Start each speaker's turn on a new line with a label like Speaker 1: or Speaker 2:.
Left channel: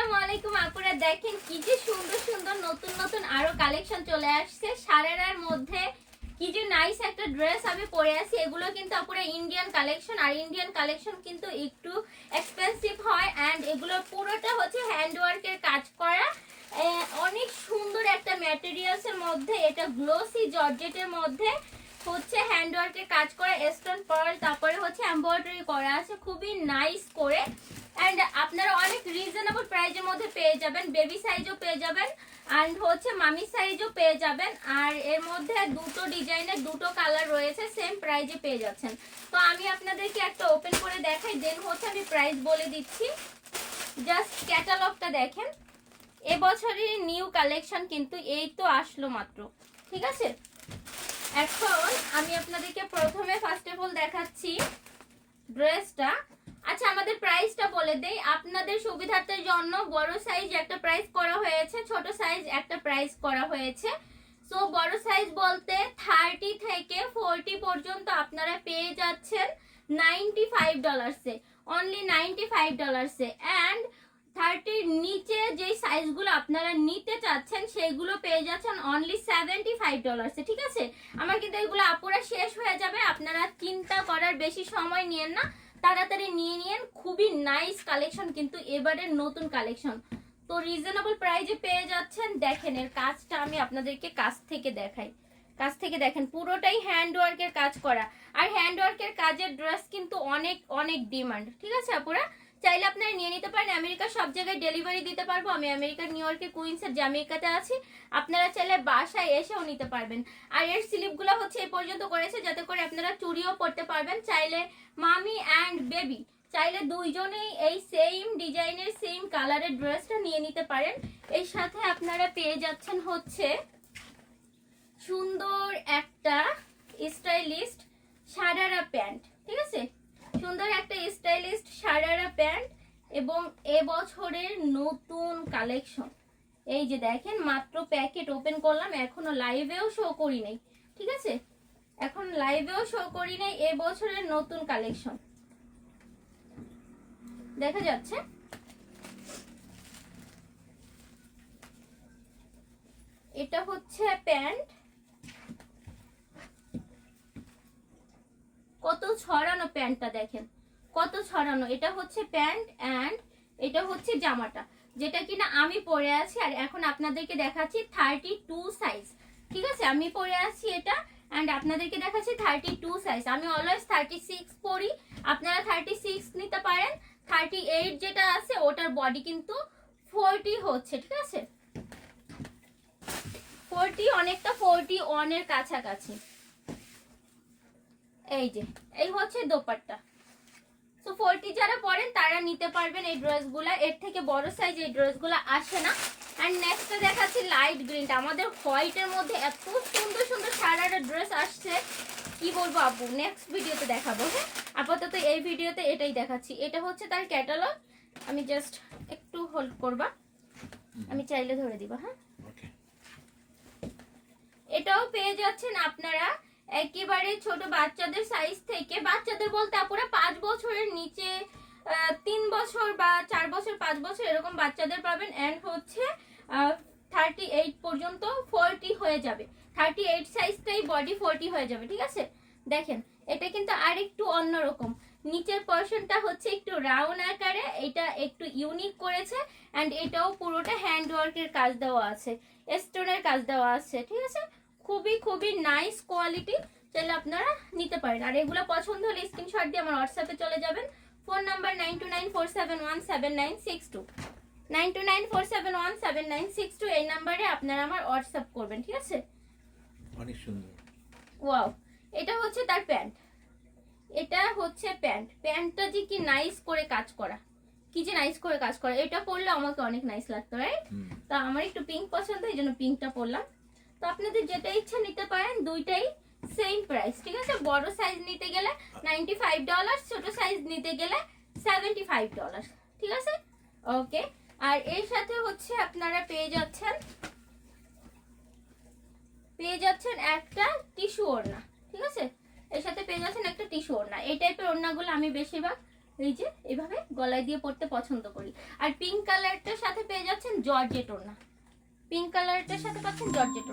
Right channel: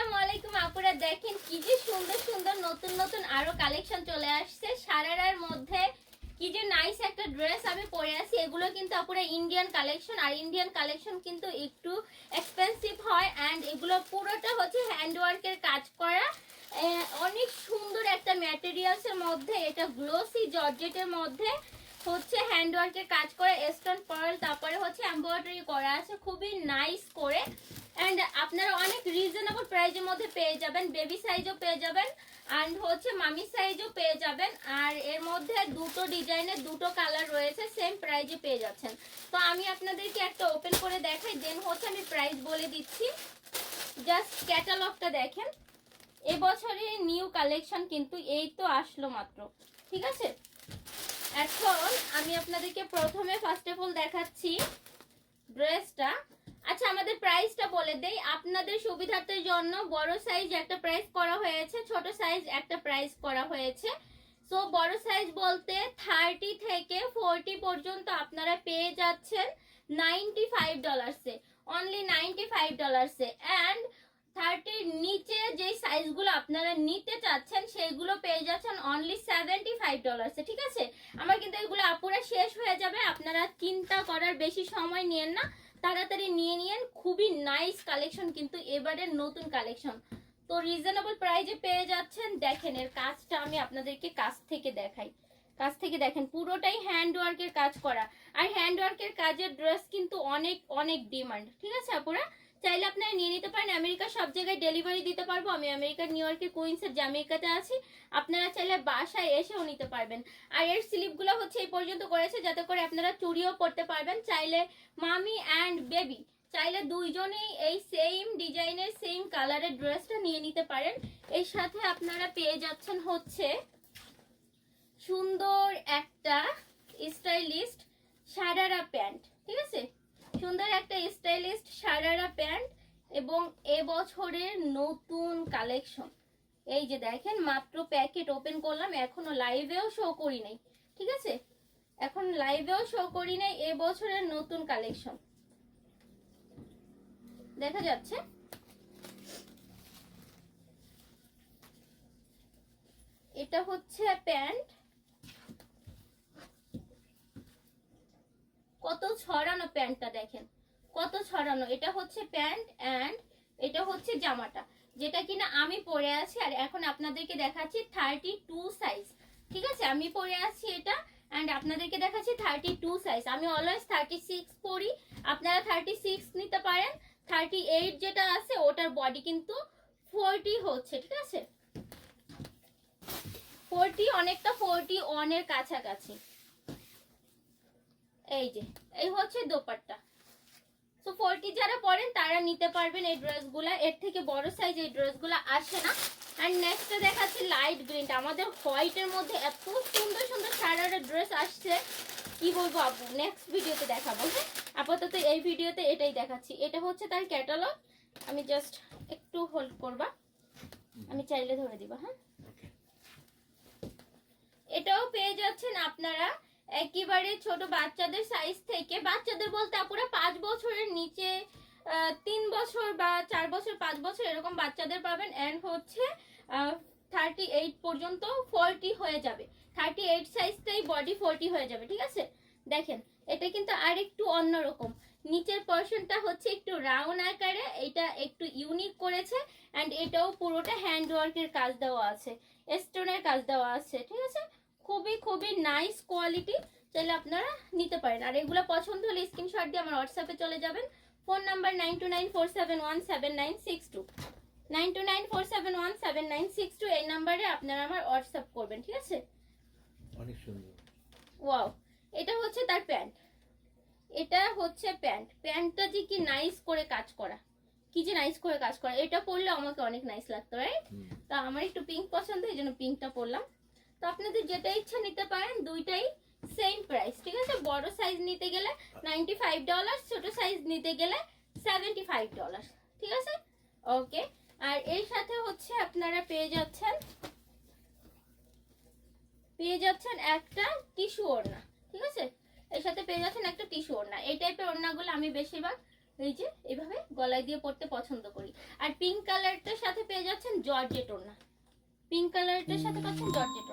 Speaker 1: আসসালামু আলাইকুম দেখেন কি যে সুন্দর সুন্দর নতুন নতুন আরও কালেকশন চলে আসছে। মধ্যে কি যে নাইস একটা ড্রেস আমি পরে আছি, এগুলো কিন্তু ইন্ডিয়ান কালেকশন আর ইন্ডিয়ান কালেকশন কিন্তু একটু এক্সপেন্সিভ হয় অ্যান্ড এগুলো পুরোটা হচ্ছে হ্যান্ড ওয়ার্কের কাজ করা। অনেক সুন্দর একটা ম্যাটেরিয়ালস এর মধ্যে, এটা গ্লোসি জর্জেটের মধ্যে হচ্ছে হ্যান্ড ওয়ার্কের কাজ করা স্টোন পার্ল তারপরে হচ্ছে এমব্রয়ডারি করা আছে, খুবই নাইস করে। অ্যান্ড আপনারা অনেক রিজনেবল প্রাইজের মধ্যে পেয়ে যাবেন বেবি সাইজও পেয়ে যাবেন অ্যান্ড হচ্ছে মামি সাইজও পেয়ে যাবেন, আর এর মধ্যে দুটো ডিজাইনের দুটো কালার রয়েছে সেম প্রাইজে পেয়ে যাচ্ছেন। তো আমি আপনাদেরকে একটা ওপেন করে দেখাই দেন হচ্ছে আমি প্রাইস বলে দিচ্ছি। জাস্ট ক্যাটালগটা দেখেন। এবছরের নিউ কালেকশন কিন্তু এই তো আসলো মাত্র, ঠিক আছে? এখন আমি আপনাদেরকে প্রথমে ফার্স্ট অফ অল দেখাচ্ছি ড্রেসটা আচ্ছা আমাদের প্রাইসটা বলে দেই। আপনাদের সুবিধার্থের জন্য বড় সাইজ একটা প্রাইস করা হয়েছে, ছোট সাইজ একটা প্রাইস করা হয়েছে। সো বড় সাইজ বলতে থার্টি থেকে ফোরটি পর্যন্ত আপনারা পেয়ে যাচ্ছেন নাইনটি ফাইভ ডলার্সে অনলি নাইনটি ফাইভ ডলার্সে অ্যান্ড থার্টির নিচে যে সাইজগুলো আপনারা নিতে চাচ্ছেন সেইগুলো পেয়ে যাচ্ছেন অনলি সেভেন্টি ফাইভ ডলার্সে ঠিক আছে? আমার কিন্তু এগুলো আপুরা শেষ হয়ে যাবে। আপনারা চিন্তা করার বেশি সময় নিয়েন না। তাড়াতাড়ি নিয়ে নিয়েন, খুবই নাইস কালেকশন কিন্তু এবারের নতুন কালেকশন তো রিজনেবল প্রাইজে পেয়ে যাচ্ছেন। দেখেন, এর কাজটা আমি আপনাদেরকে কাছ থেকে দেখাই। কাছ থেকে দেখেন, পুরোটাই হ্যান্ডওয়ার্কের কাজ করা। আর হ্যান্ডওয়ার্কের কাজের ড্রেস কিন্তু অনেক অনেক ডিমান্ড ঠিক আছে, আপুরা? চাইলে আপনারা নিয়ে নিতে পারেন। আমেরিকার সব জায়গায় ডেলিভারি দিতে পারব। আমি আমেরিকার নিউ ইয়র্কের কুইন্সের জামেইকাতে আছি। আপনারা চাইলে বাসায় এসেও নিতে পারবেন। আর এর স্লিপগুলো হচ্ছে এই পর্যন্ত করেছে, যাতে করে আপনারা চুরিও পড়তে পারবেন। চাইলে মামি অ্যান্ড বেবি চাইলে দুইজনেই এই সেম ডিজাইনের সেম কালারের ড্রেসটা নিয়ে নিতে পারেন। এর সাথে আপনারা পেয়ে যাচ্ছেন হচ্ছে সুন্দর একটা স্টাইলিস্ট সারারা প্যান্ট, ঠিক আছে? সুন্দর একটা স্টাইলিস্ট সারারা প্যান্ট এবং এবছরের নতুন কালেকশন। এই যে দেখেন, মাত্র প্যাকেট ওপেন করলাম, এখনও লাইভেও শো করি নাই, ঠিক আছে? এখন লাইভেও শো করি নাই এবছরের নতুন কালেকশন। দেখা যাচ্ছে। এটা হচ্ছে প্যান্ট কত ছড়ানো প্যান্টটা দেখেন। কত ছড়ানো। এটা হচ্ছে প্যান্ট অ্যান্ড এটা হচ্ছে জামাটা, যেটা কিনা আমি পরে আছি আর এখন আপনাদেরকে দেখাচ্ছি থার্টি টু সাইজ ঠিক আছে? আমি পরে আছি এটা অ্যান্ড আপনাদেরকে দেখাচ্ছি থার্টি টু সাইজ আমি অলওয়েজ থার্টি সিক্স পরি। আপনারা থার্টি সিক্স নিতে পারেন। থার্টি এইট যেটা আছে, ওটার বডি কিন্তু ফোরটি হচ্ছে, ঠিক আছে? ফোরটি অনেকটা ফোরটি ওয়ানের কাছাকাছি। এই যে এই হচ্ছে দোপাট্টা। সো ফোরটি যারা পরেন তারা নিতে পারবেন এই ড্রেসগুলা। এর থেকে বড় সাইজ এই ড্রেসগুলা আসে না। আর নেক্সট দেখাচ্ছি লাইট গ্রিনটা আমাদের হোয়াইটের মধ্যে এত সুন্দর সুন্দর সারাটা ড্রেস আসছে। কি বলব আপু? নেক্সট ভিডিওতে দেখাবো হ্যাঁ? আপাতত এই ভিডিওতে এটাই দেখাচ্ছি। এটা হচ্ছে তার ক্যাটালগ আমি জাস্ট একটু হোল্ড করবা। আমি চাইলে ধরে দিব হ্যাঁ? এটাও পেয়ে যাচ্ছেন আপনারা একেবারে ছোট বাচ্চাদের সাইজ থেকে, বাচ্চাদের বলতে আপুরা পাঁচ বছরের নিচে তিন বছর বা চার বছর, পাঁচ বছর এরকম বাচ্চাদের পাবেন অ্যান্ড হচ্ছে থার্টি এইট পর্যন্ত ফোরটি হয়ে যাবে। থার্টি এইট সাইজটাই বডি ফোরটি হয়ে যাবে, ঠিক আছে? দেখেন, এটা কিন্তু আর একটু অন্যরকম নিচের পোর্শনটা হচ্ছে একটু রাউন্ড আকারে, এটা একটু ইউনিক করেছে অ্যান্ড এটাও পুরোটা হ্যান্ড ওয়ার্কের কাজ দেওয়া আছে স্টোনের কাজ দেওয়া আছে, ঠিক আছে? খুবই খুবই নাইস কোয়ালিটি চাইলে আপনারা নিতে পারেন। আর এগুলো পছন্দ হলে স্ক্রিনশট দিয়ে আমার হোয়াটসঅ্যাপে চলে যাবেন। Phone number nine two nine four seven one seven nine six two nine two nine four seven one seven nine six two এই নাম্বারে আপনারা আমার হোয়াটসঅ্যাপ করবেন ঠিক আছে?
Speaker 2: অনেক সুন্দর।
Speaker 1: ওয়াও এটা হচ্ছে তার প্যান্ট এটা হচ্ছে প্যান্ট প্যান্টটা যে কি নাইস করে কাজ করা। কি যে নাইস করে কাজ করা। এটা পরলে আমাকে অনেক নাইস লাগতো রাইট তা আমার একটু পিঙ্ক পছন্দ এই জন্য পিঙ্কটা পরলাম। তো আপনাদের যেটা ইচ্ছা নিতে পারেন, দুইটাই সেম প্রাইস ঠিক আছে? বড় সাইজ নিতে গেলে নাইনটি ফাইভ ডলার ছোট সাইজ নিতে গেলে সেভেন্টি ফাইভ ডলার ঠিক আছে? ওকে আর এর সাথে হচ্ছে আপনারা পেয়ে যাচ্ছেন পেয়ে যাচ্ছেন একটা টিস্যু ওড়না, ঠিক আছে? এর সাথে পেয়ে যাচ্ছেন একটা টিস্যু ওড়না, এই টাইপের ওড়নাগুলো আমি বেশিরভাগ এই যে এভাবে গলায় দিয়ে পড়তে পছন্দ করি। আর পিঙ্ক কালারটার সাথে পেয়ে যাচ্ছেন জর্জেট ওড়না পিঙ্ক কালারটার সাথে পাচ্ছেন জর্জেট